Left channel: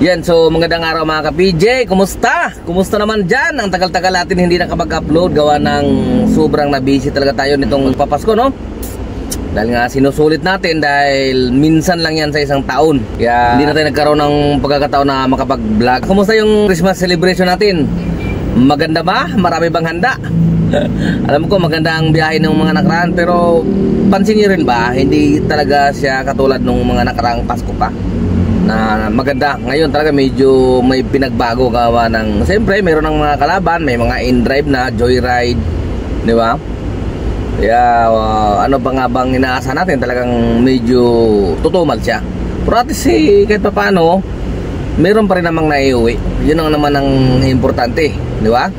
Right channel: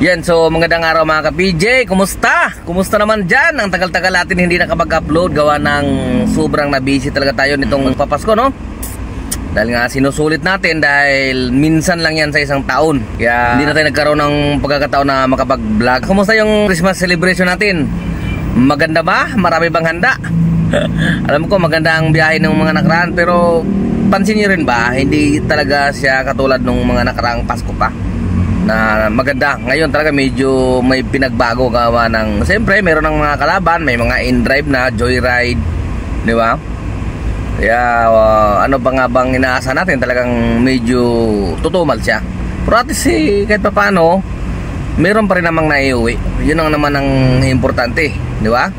Yan, so magandang araw mga ka-PJ. Kumusta? Kumusta naman dyan? Ang tagal-tagal natin hindi nakapag-upload. Gawa ng sobrang na-busy talaga tayo nitong papasko, no? Dahil nga sinusulit natin dahil minsan lang yan sa isang taon. Kaya hindi na tayo nagkaroon ng pagkakataon na makapag-vlog. Kumusta yung Christmas celebration natin? Maganda ba? Marami bang handa? Alam ko maganda ang biyahe ng mga nakaraan, pero pansin nyo rin ba? Hindi talaga siya katulad ng mga nakaraang Pasko pa na maganda. Ngayon talaga medyo may pinagbago gawa ng, siyempre meron ng mga kalaban, may mga in-drive na, joyride, di ba? Kaya ano ba nga bang inaasa natin, talagang medyo tutumal siya. Pero at least kahit pa paano meron pa rin namang naiuwi. Yun ang naman ang importante, di ba?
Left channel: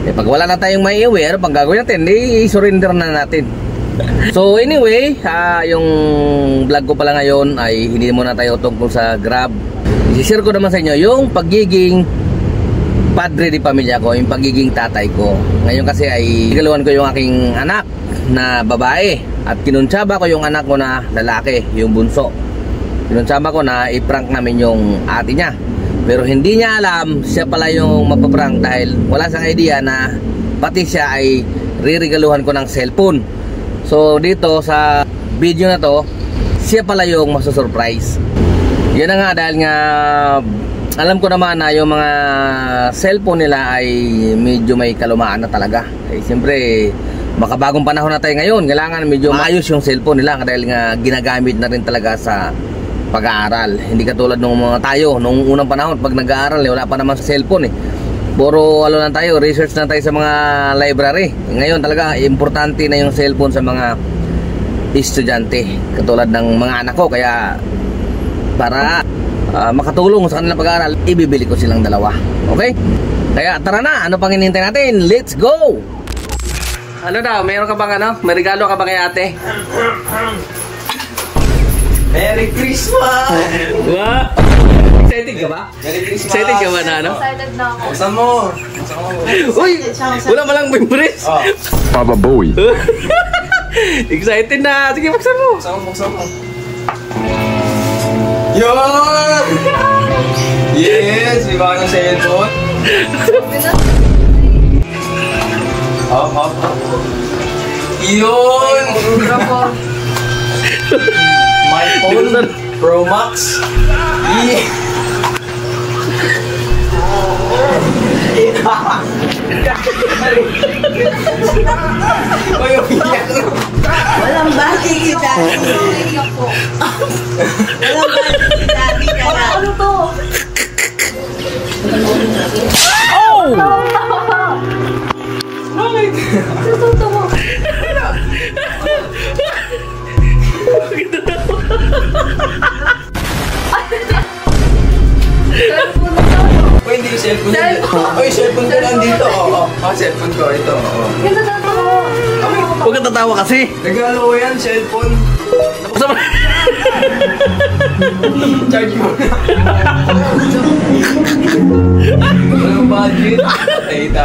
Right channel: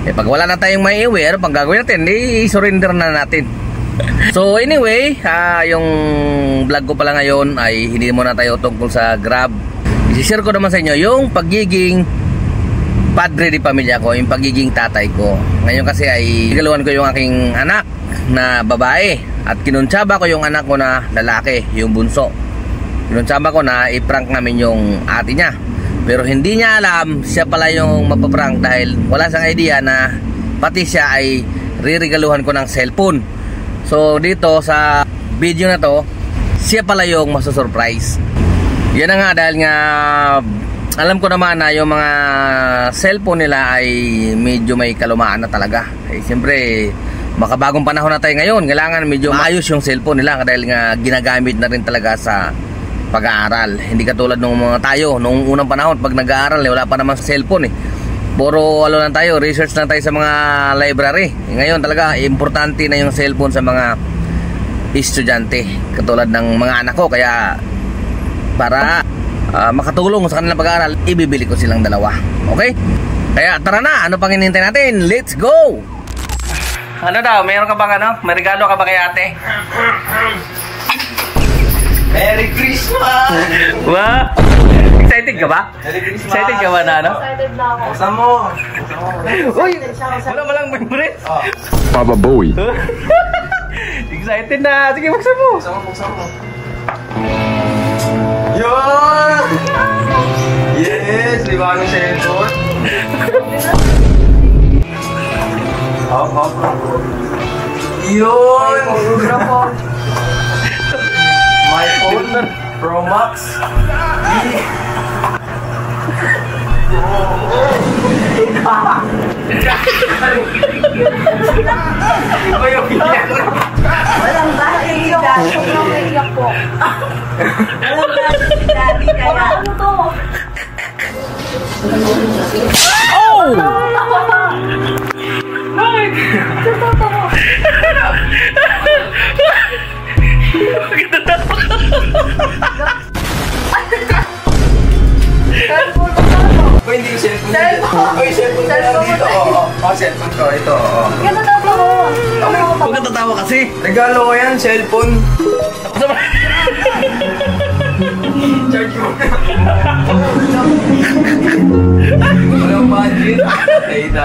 Pag wala na tayong maiuwi, ano pang gagawin natin? I-surrender na natin. So anyway, yung vlog ko pala ngayon ay hindi muna tayo tungkol sa Grab. I-share ko naman sa inyo yung pagiging padre di pamilya ko, yung pagiging tatay ko. Ngayon kasi ay regaluhan ko yung aking anak na babae at kinuntsaba ko yung anak ko na lalaki, yung bunso. Kinuntsaba ko na i-prank namin yung ate niya. Pero hindi niya alam siya pala yung mapaprank dahil wala siyang idea na pati siya ay riregaluhan ko ng cellphone. So dito sa video na to, siya pala yung masusurprise. Yan na nga, dahil nga alam ko naman na yung mga cellphone nila ay medyo may kalumaan na talaga. Eh siyempre makabagong panahon na tayo ngayon, kailangan medyo maayos yung cellphone nila dahil nga ginagamit na rin talaga sa pag-aaral. Hindi katulad nung mga tayo nung unang panahon, pag nag-aaral wala pa naman sa cellphone puro lang tayo, research na tayo sa mga library. Ngayon talaga importante na yung cellphone sa mga estudyante katulad ng mga anak ko. Kaya para makatulong sa kanilang pag-aaral, ibibili ko silang dalawa. Okay? Kaya tara na, ano pang hinihintay natin? Let's go! Ano daw, mayroon ka bang ano? May regalo ka ba kay ate? Merry Christmas! Wow! Excited ka ba? Excited ka ba na ano? Excited na ako. Buksan mo! Uy! Wala mo lang members! Oh. Papa Bowie. Excited na! Sige, buksan mo! Buksan mo! Yun! Yes! Di ba ang cellphone? Yun! My phone Pro Max. Walang bati si Daddy. Naiiyak po. Walang bati si Daddy. Ano to? Oh! Oh, hindi yung cellphone niya. Oh, yung cellphone ko lang dito. Oh, cellphone ko. Ito, Ganda to. Huwag kang tatawa kasi. Regalo ko yan, cellphone. Charge mo. Low budget.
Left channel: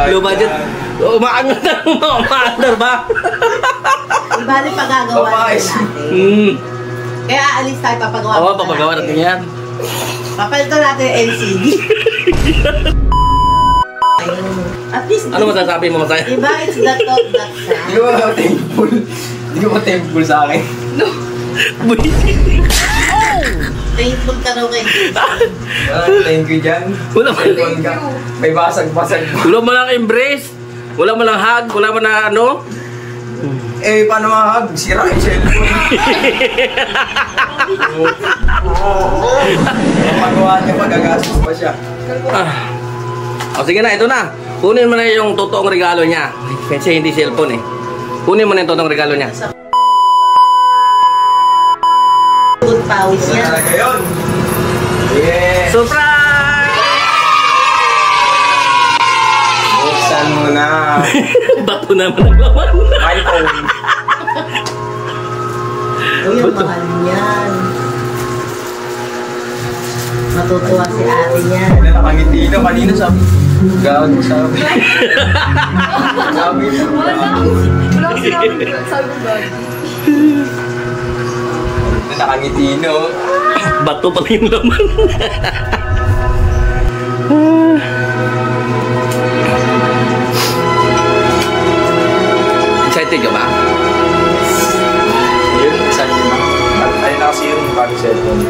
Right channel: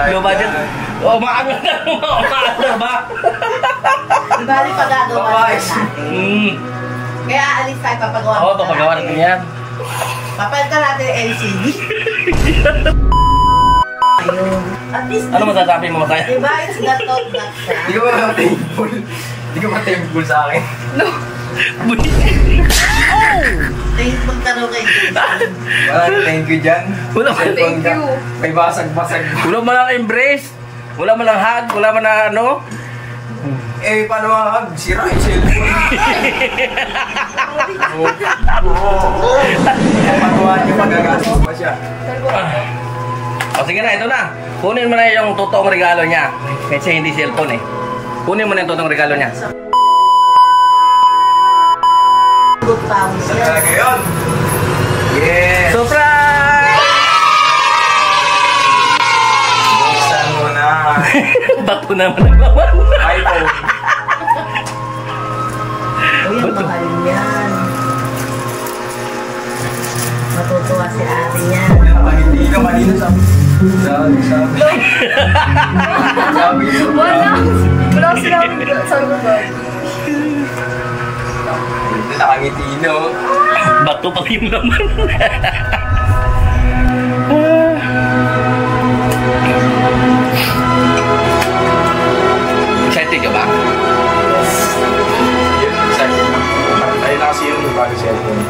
Low budget. Oh, maangat na. Maangat ba? Ibali pagagawa natin. Kaya aalis tayo papagawa. Oo, papagawa natin yan. Papalitan natin yung LCD. At least, Ano masasabi mo, Masaya? diba, it's not that Hindi ko thankful. Hindi ko thankful sa akin. thankful ka raw kay Thank you dyan. Wala man. Cellphone ka. May basag-basag. Wala mo lang embrace. Wala mo lang hug. Wala mo na ano. Eh, paano mahag? Sira yung cellphone. Magawa niya, magagastos pa siya. O sige na, ito na. Kunin mo na yung totoong regalo niya. Kasi hindi cellphone Kunin mo na yung totoong regalo niya. 2,000. Talaga yun. Yes. Surprise! Buksan mo na. Bato naman ang laman. iPhone. Uy, ang Ba't to? mahal niyan. Matutuwa si ate niyan. Nakangiti ka kanina sabi. Gago sabi. Wala sila sabi ko ba? Nakangiti no. Bato pala yung laman. Excited ka ba? Ayun kasi yun, bago cellphone.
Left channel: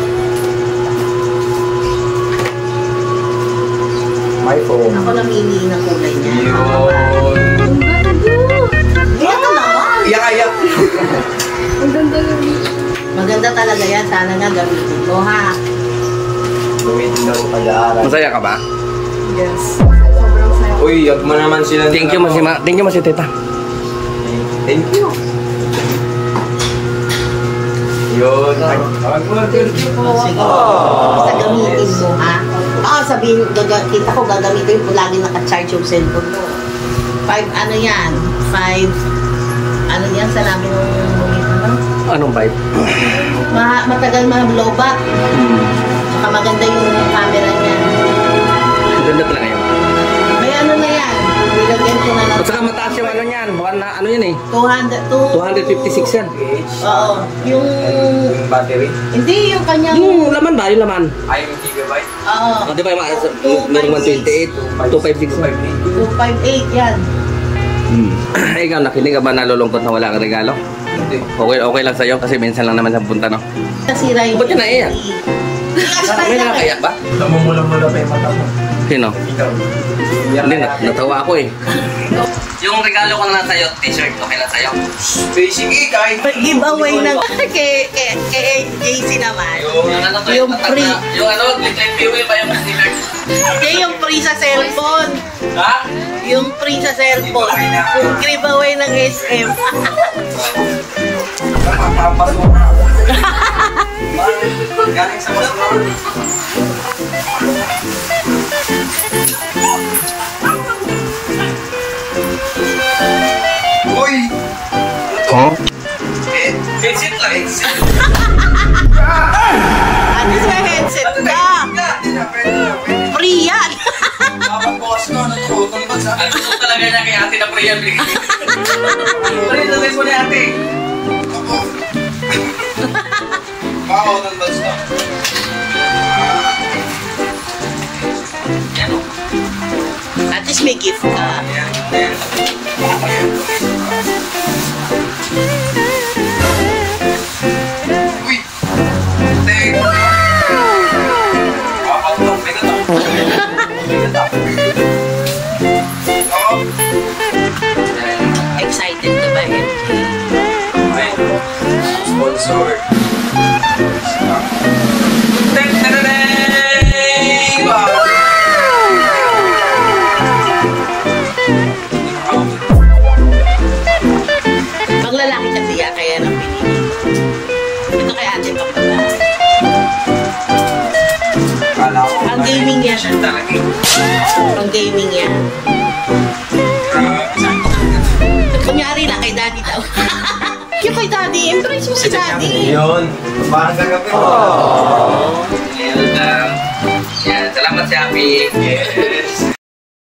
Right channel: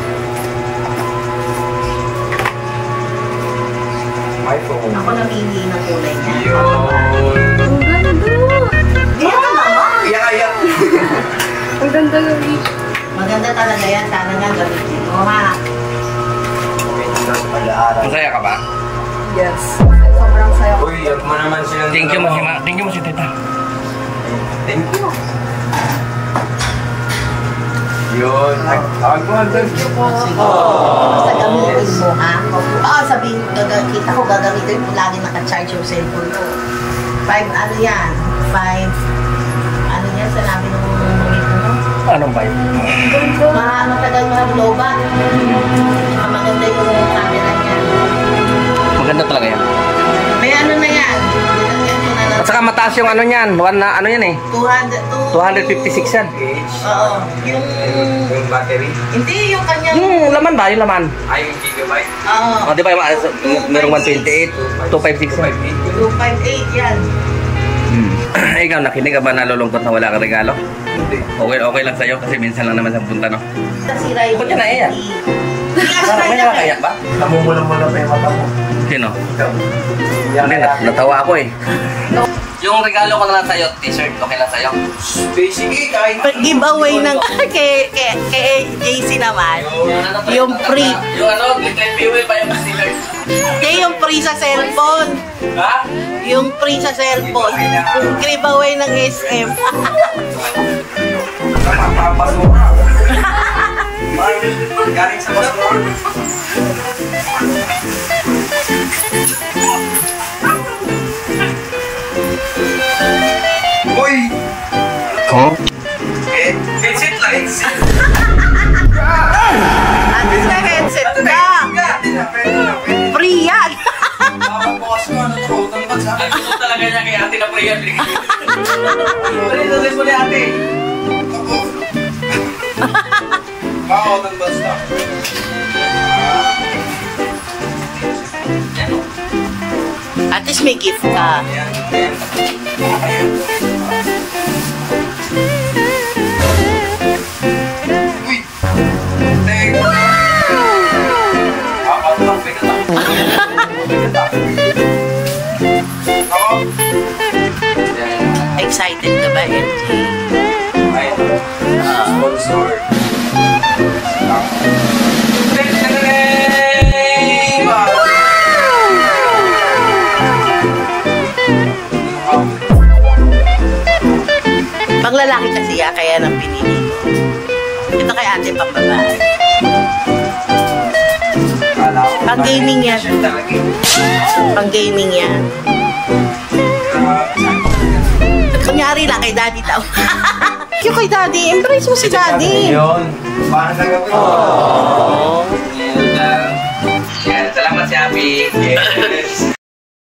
My phone. Ako namili ng kulay niya. Yun. Ang ganda. Ito naman. Iyak-iyak. Ang ganda gabi. Maganda talaga yan. Sana nga gamitin ko ha. Gawin mo sa pag-aaral. Masaya ka ba? Yes. Sobrang saya. Uy, yun mo naman silang... Thank you mo si Tita. Thank you. Yun. Tawag mo. Thank you po. Sige. Basta gamitin mo ha. Oo, sabihin, kita ko gagamitin ko. Lagi naka-charge yung cellphone ko. 5, ano yan? 5, ano yan? Sa lagi mo Anong vibe? matagal mahablobat. Saka maganda yung camera niya. Maganda talaga yan. May ano na yan. Bilagyan ko na. At saka mataas yung ano niyan. Ano yan eh? 256 yan. Oo. Yung... Yung battery. Hindi, yung kanya. Yung laman ba? Yung laman. Ay, yung gigabyte. Oo. Di ba yung merong 128, 256 yan. Yung 5.8 yan. Ikaw, nakinig ka ba nalulungkot na wala kang regalo? Hindi. Okay lang sa'yo kasi minsan lang naman sa punta, no? Nasira yung... Ba't ka naiyak? May nakakayak ba? Namumula-mula pa yung mata mo. Sino? Hindi, natawa ako eh. Yung regalo ko na lang sa'yo, t-shirt, okay lang sa'yo? Sige, kahit... Giveaway ng... kay JC naman. Yung free. Yung ano, glitter fuel ba yung t-shirt? Hindi, yung free sa cellphone. Ha? Yung free sa cellphone. Yung giveaway ng SM. Napapasok ako. Galing sa basura. Uy! Huh? Headset lang. At least may headset ka. Free yan. Makapabukas ko, ano to? Ano sa akin? Gusto talaga niya kay ate na pre-apply. Ano ito mo ni ate? Ako. Bako ng basta. At least may gift ka. Uy! Thank you! Apat lang pinata. Oo. Excited ka ba? Ay, sponsor. Pag lalaki kasi ya, kaya nang pinili ko. Ito kay ate papala. Ang gaming yan. Ang gaming yan. Kunyari lang kay daddy daw. Yung kay daddy, embrace mo si daddy. Yun. Parang gagawin.